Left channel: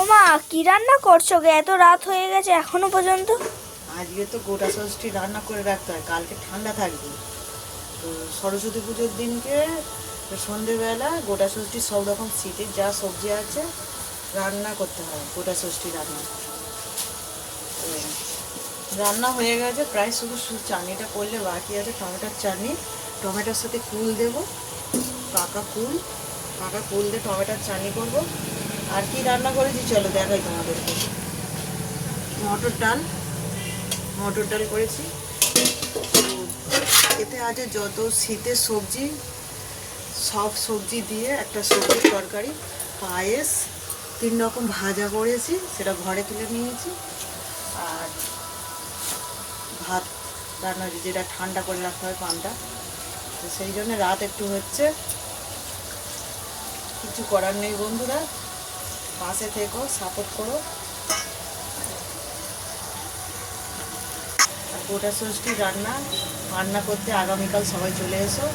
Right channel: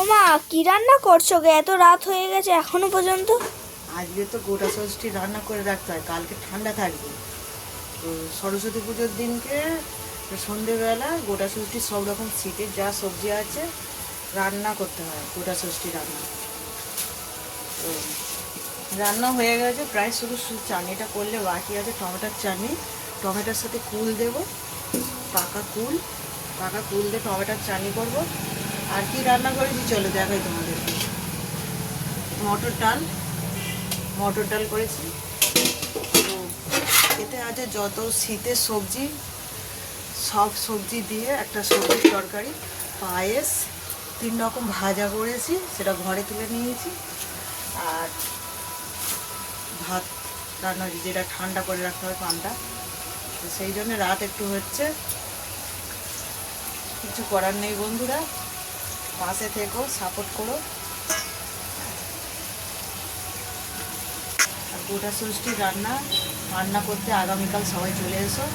ওমা, কি রান্না করছো গে? এত রাত হয়ে গেছে এখনো পর্যন্ত। আজকে তো গোটা ষষ্ঠী রান্না করে রাখতে হয়, কালকে ঠান্ডা থাকবে। তো সরস্বতী পুজোর দিনকে সন্ধেবেলা গোটা ষষ্ঠী সব রকম শীতের যা সবজি আছে রান্না করতে হয়। গোটা ষষ্ঠী রান্না তো রান্না হয়ে গেছে প্রায়, শুধু চাটনিটা করলে বাকি আছে। টমেটোর চাটনি, টমেটোর সাথে কুল দেব, পাকা কুল। পাকা কুল দিয়ে টমেটোর চাটনি করবো। আর কি রান্না করেছি চলো দেখাই তোমাদেরকে। মটর ডাল, মটর ডাল করেছি। এতে আছে যত শীতের সবজি, সব সবজি দিয়ে একটা সবজির তরকারি, পায়েস, 3 রকম ভাজা করেছি, সেটা ঘরে তুলে নিয়েছি। আর ভাত রান্না, যেটা ঠান্ডা করে রাখতে হয় পানটা, তো সেই জন্য রাত একটু হচ্ছে। কিছু করার নেই বন্ধুরা, পাশে থেকো, সাপোর্ট করো। আর গোটা ষষ্ঠী রান্না করতে আগামীকাল সবাই চলে এসো।